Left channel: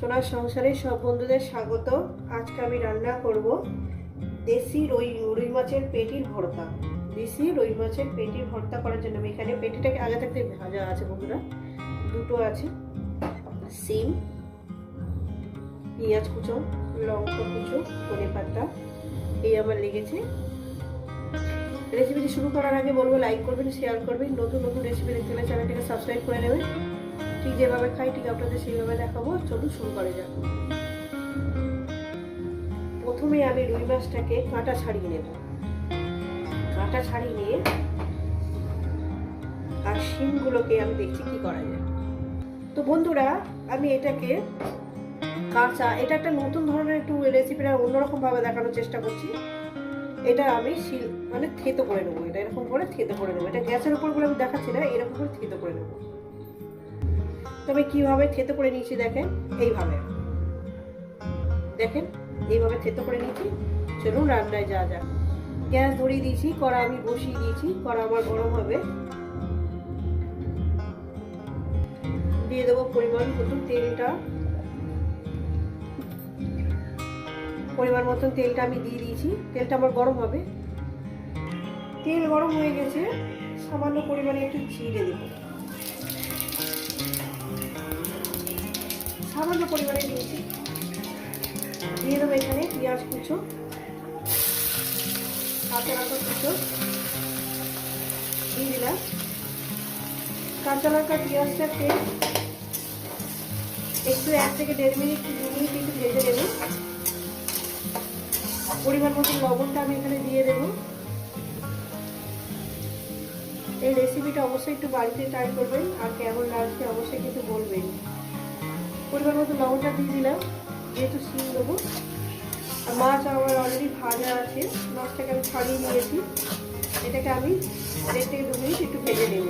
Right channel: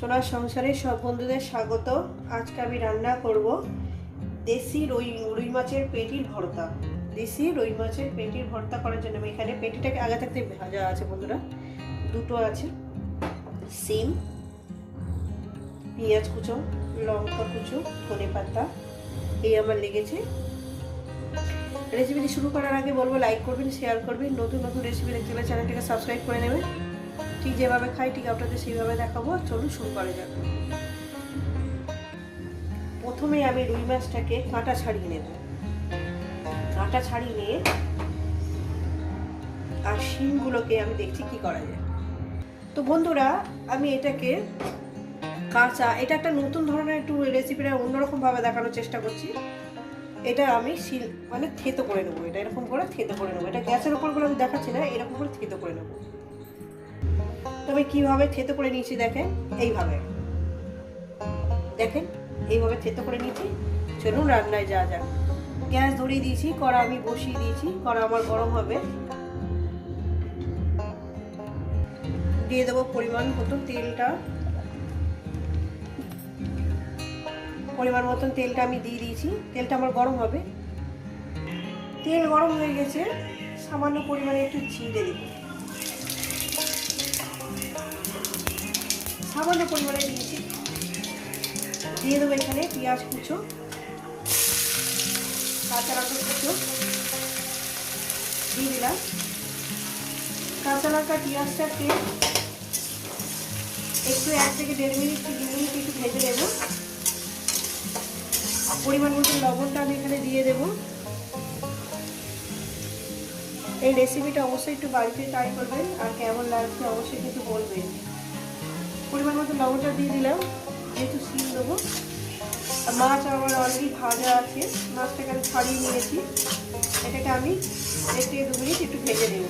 সোনার সংসারে সব বন্ধুদের স্বাগত। আজকে আমি রান্না করব দেশি রুই রুই মাছের পেটির ভর্তা। দেশি রুই মাছের পেটির ভর্তা করার জন্য আমি এখানে পেটিটাকে আগে থাকতে ভাজা আছে বন্ধুরা। দুটো আছে, সিম, পেঁয়াজ কুচো, লঙ্কা কুচো, ধনে পাতা, এই আমার লেগেছে। রেসিপিটি শুরু করার আগে বলব লাইক করবেন শেয়ার করবেন। নতুন নতুন রেসিপি দেখতে হলে চ্যানেলটাকে সাবস্ক্রাইব করে নেবেন। ঠিক যেভাবে খাই ঠিক আপনাদের সেইভাবে দেখাবো। চলুন শুরু করা যাক। প্রথমে আমি রুই মাছটাকে কাঁটা ছাড়িয়ে নেব। কাঁটা ছাড়িয়ে নিয়ে আর শিমগুলোকে আমি দেখছি কি করা যায়। তো বন্ধুরা, আমি এটাকে কাঁচা, এটা একটা নতুন ধরনের একটু রেসিপিটা অন্যরকম ভাবে দেখানোর চেষ্টা করছি। এটা আমি শিল মানে থেতো করে নেব। এটা এরকম করে থেতো করে নেব। এটা গ্যাসের উপর করে আমি দেখাচ্ছি না, এরকম করে থেতো করে নেব। তবে কীভাবে থেতো করে নিয়েছি দেখেন? এইভাবে। দেখেন? এইভাবে থেতো করে নিয়েছি। চলুন রান্নায় যা যাক। গ্যাস ধরিয়ে দিয়েছি, কড়া আমি বসিয়ে দিয়েছি, কড়া আমার গরম হবে। দিয়ে দেবো পরিমাণ মতো তেলটা। পরিমাণ মতন তেলটা আমি দিয়ে দিয়েছি। তেলটা আমার গরম হবে। তেল গরম হয়ে গেছে। সামান্য পরিমাণে একটু চিড়ে দেবো। সামান্য পরিমাণে দিয়েছি দিয়ে দেবো এখানে পেঁয়াজ কুচো, কাঁচা লঙ্কা কুচো, দিয়ে দিলাম। কাঁচা লঙ্কা পেঁয়াজটাকে একটু এক থেকে দেড় মিনিট দু মিনিট একটু ভেজে নেব। পরিমাণ মতো লবণটা আমি এখানে দিয়ে দেবো। এই রেসিপিটা অবশ্যই একটু বাড়িতে ট্রাই করবেন আর কেমন লাগছে অবশ্যই কিন্তু বলবেন। পরিমাণ মতো লবণটা দিয়ে দিলাম, যেহেতু সিম দেবো। আর মাছ আমার অলরেডি ভাজা আছে, মাছটাকে আমি ছাড়িয়ে নিয়েছি। এটাকে আমি দেড় থেকে দু মিনিট একটু ভেজে নেব।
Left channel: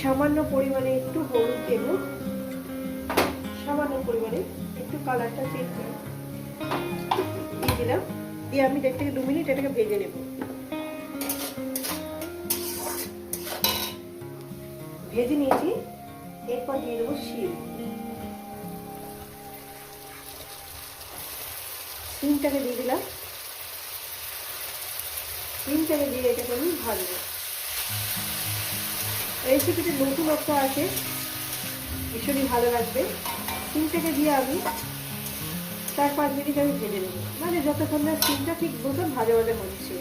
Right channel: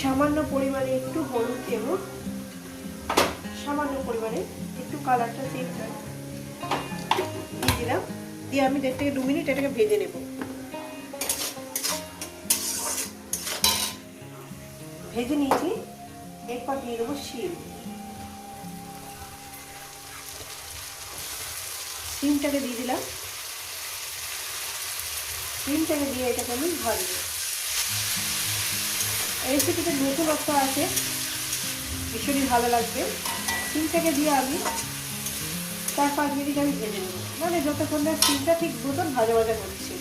সামান্য পরিমাণে একটু হলুদ দেব। সামান্য পরিমাণে একটু কালারটা চেঞ্জ দিয়ে দিলাম। দিয়ে আমি দেড় থেকে দু মিনিট এটাকে ভেজে নেব। ভেজে নিয়েছি। এরপর দিয়ে দেবো শিম। শিমটাকে দিয়ে দিলাম। শিমটাকে দিয়ে এটাকে আমি ভাজবো রেসিপিটা নতুন একটা আছে, ভীষণই ভালো লাগবে। শিমটাকে দিয়ে আমি চার পাঁচ মিনিট আমি ভেজে নেব। মানে যতক্ষণ না শিমটা ঠিক দুটো ভাজা ভাজা হচ্ছে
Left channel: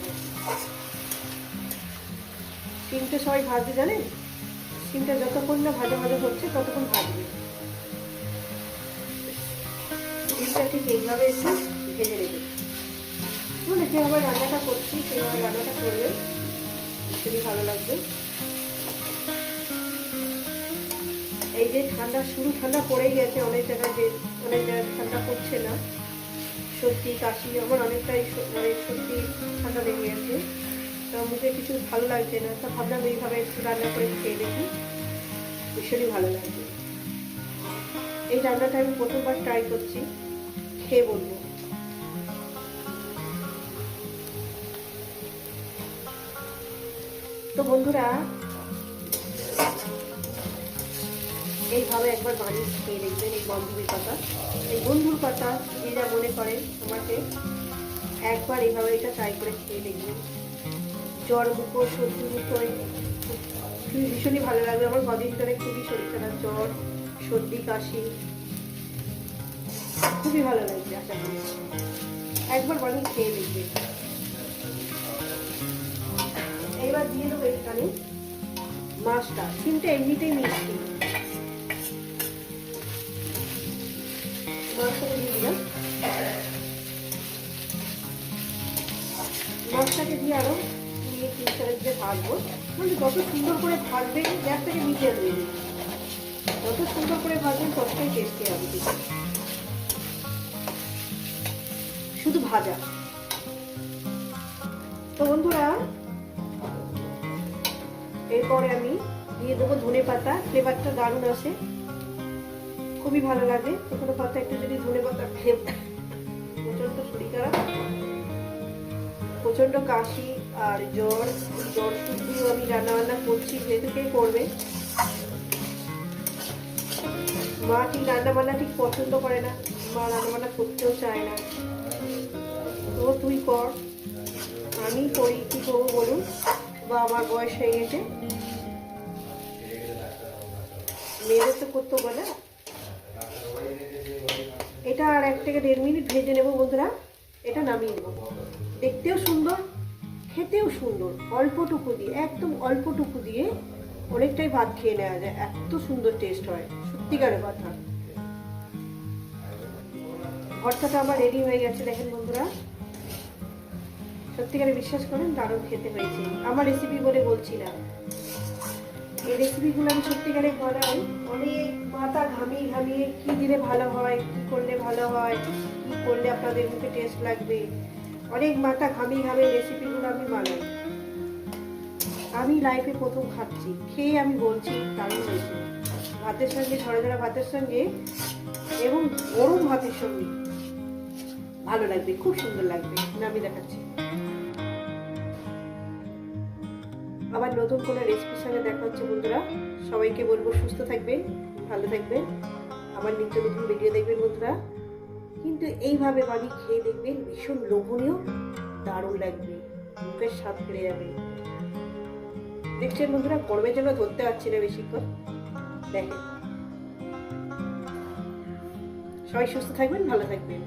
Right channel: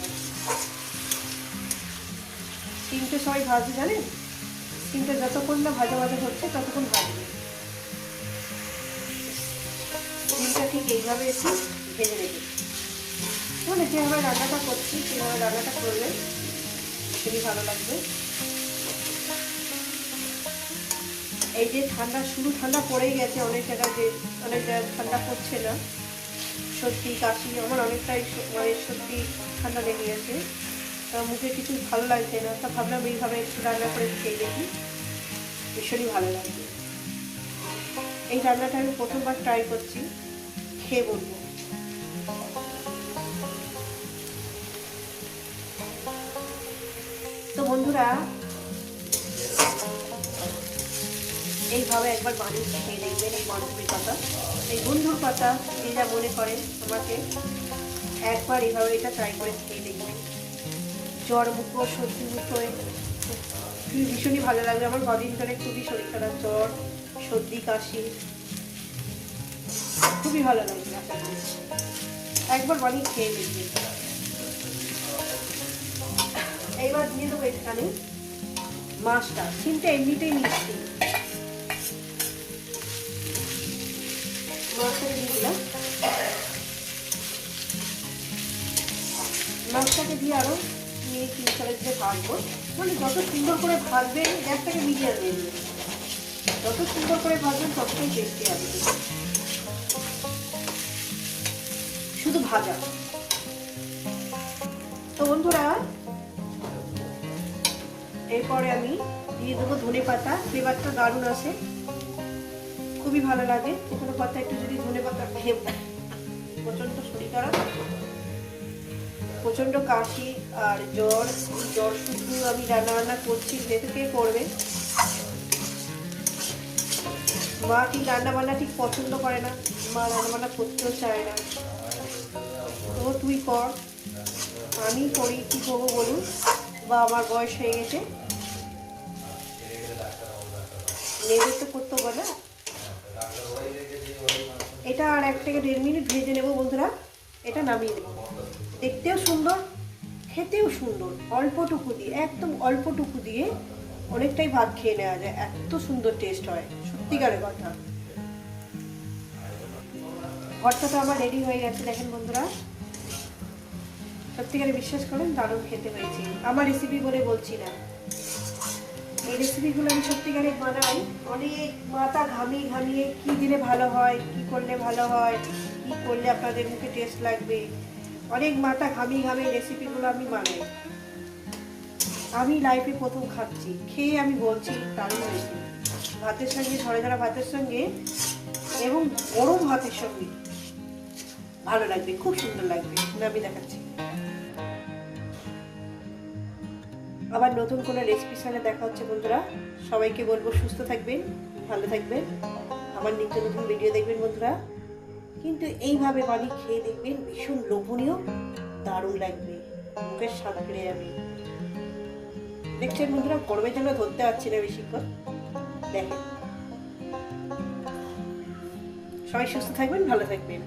শিমটা সবাই ভাজতে জানেন? কিন্তু যতক্ষণ না ভাজা ভাজা হচ্ছে, ততক্ষণ ডিমটা ঠিক এইভাবে একটু ভেজে নেবে। মানে যেভাবে রান্নাটা করছি, সেভাবে রান্নাটা করলে খুবই ভালো লাগবে। এই যে ঠান্ডা শুরু ঠান্ডা পড়েই গেছে অনেক জায়গায় যে অনেক জায়গায় ঠান্ডা পড়ছে না। সত্যি, কাশি, আমার অনেকটাই মানে সত্যি ঠান্ডা লেগে গেছে। মুখে কিছু ভালো লাগছে না, তা ভাবলাম এইভাবে একটু রান্না করে খেয়ে দেখি। ভীষণই ভালো লাগবে এই রান্নাটা আমি প্রথমবার ট্রাই করছি, খেয়ে বলব। তো বন্ধুরা, এইভাবে একবার বানিয়ে খেয়ে দেখবেন এই বন্ধুর পাতা। এই বন্ধুর পাতা, যে যা মনে করেন আমাকে একবার এইভাবে এটা ট্রাই করে খেয়ে দেখবেন। জ্বর মুখো সর্দি মুখো ভীষণই ভালো লাগবে আমার কদিন ধরে খুবই শরীর খারাপ, জ্বর, সর্দি, কাশি। খুবই ভালো লাগবে একবার বানিয়ে খেয়ে দেখবেন এইবার দিয়ে দেবো এখানে মাছটা। সিমটা এমনিতেই মিষ্টি মাছটা মাছটাকে দিয়ে আরও মিনিট দিয়ে ভাজবো মানে যত সুন্দর করে ভাজবেন গ্যাসটাকে মিডিয়াম দেবেন যত সুন্দর করে ভাজবেন, ততটাই টেস্টি হবে। শুধু ভাজা। তো বন্ধুরা, এরপরে আমি দিয়ে দেবো ধনে পাতা। ফ্লেভারটা দারুণ আছে খুবই ভালো লাগে। কোনো পাতা একটু যদি ধনে পাতা খেয়ে প্রচণ্ড শরীর খারাপ। প্রচণ্ড কাশি আর জ্বর জ্বর শুধু আমি রান্না বান্না করছি যেহেতু কে করবে মা ঠিক রান্না বান্না ঠিক পছন্দ করে না, মা রান্না বান্না করতেও চায় না। তো তুই কর, আমি করি, কী করব বলুন? বা আমার বয়স হয়ে গেছে। মেয়েদের তো করতে হবে না। এটা আর এক থেকে দেড় মিনিট ভেজে নেব বন্ধুরা। এটা নামিয়ে দেবো দেখতেও সুন্দর, খেতেও সুন্দর। অল্পটুকু দিয়ে, একদম অল্পটুকু দিয়ে অনেকটাই ভাত খেয়ে নেওয়া যায়। এত সুন্দর টেস্ট হয়, সত্যিকারের কথা। ভর্তাটা আমার রেডি হয়ে গেছে, দেখেন বন্ধুরা। সত্যিকারে বিশ্বাস করেন, দারুণ খেতে হয়েছে আমার রেসিপি বলে বলছি না। এই রেসিপিগুলো আমি সত্যিকারে বানাই। অনেক মাথা ঘামিয়ে ঘামিয়ে কি দিলে ভালো হয়, কি করলে ভালো হয় কি করলে আপনাদের মুখে টেস্ট লাগবে? অনেক মাথা ঘামি ঘামিয়ে রেসিপিগুলো আমি বানাই। আমি লাইফে প্রথম খাচ্ছি। খেয়ে আমি বলছি, দারুণ ভাতের সঙ্গে ঝরে ধরা ভাতের সঙ্গে এবং গরম ভাতের সঙ্গে ভালো লাগবে, খুব সুন্দর লাগবে। আমি দেখাচ্ছি। আবার নতুন কোনো রেসিপির সঙ্গে দেখা হচ্ছে, বন্ধুরা। সবাইকে বলব, সুস্থ থাকবেন, ভালো থাকবেন। আবার নিত্য নতুন ভিডিও দেখবেন, বন্ধুরা। কিন্তু এইভাবে বাড়ি খেয়ে দেখবেন ভীষণ লোভনীয়, দারুণ লাগবে, মুখের স্বাদ ফিরে যাবে। দেখছেন বন্ধুরা, গরমের জন্য ধরতে পারছি না বেশিক্ষণ। দেখেন। সবাই সুস্থ থাকবেন, ভালো থাকবেন।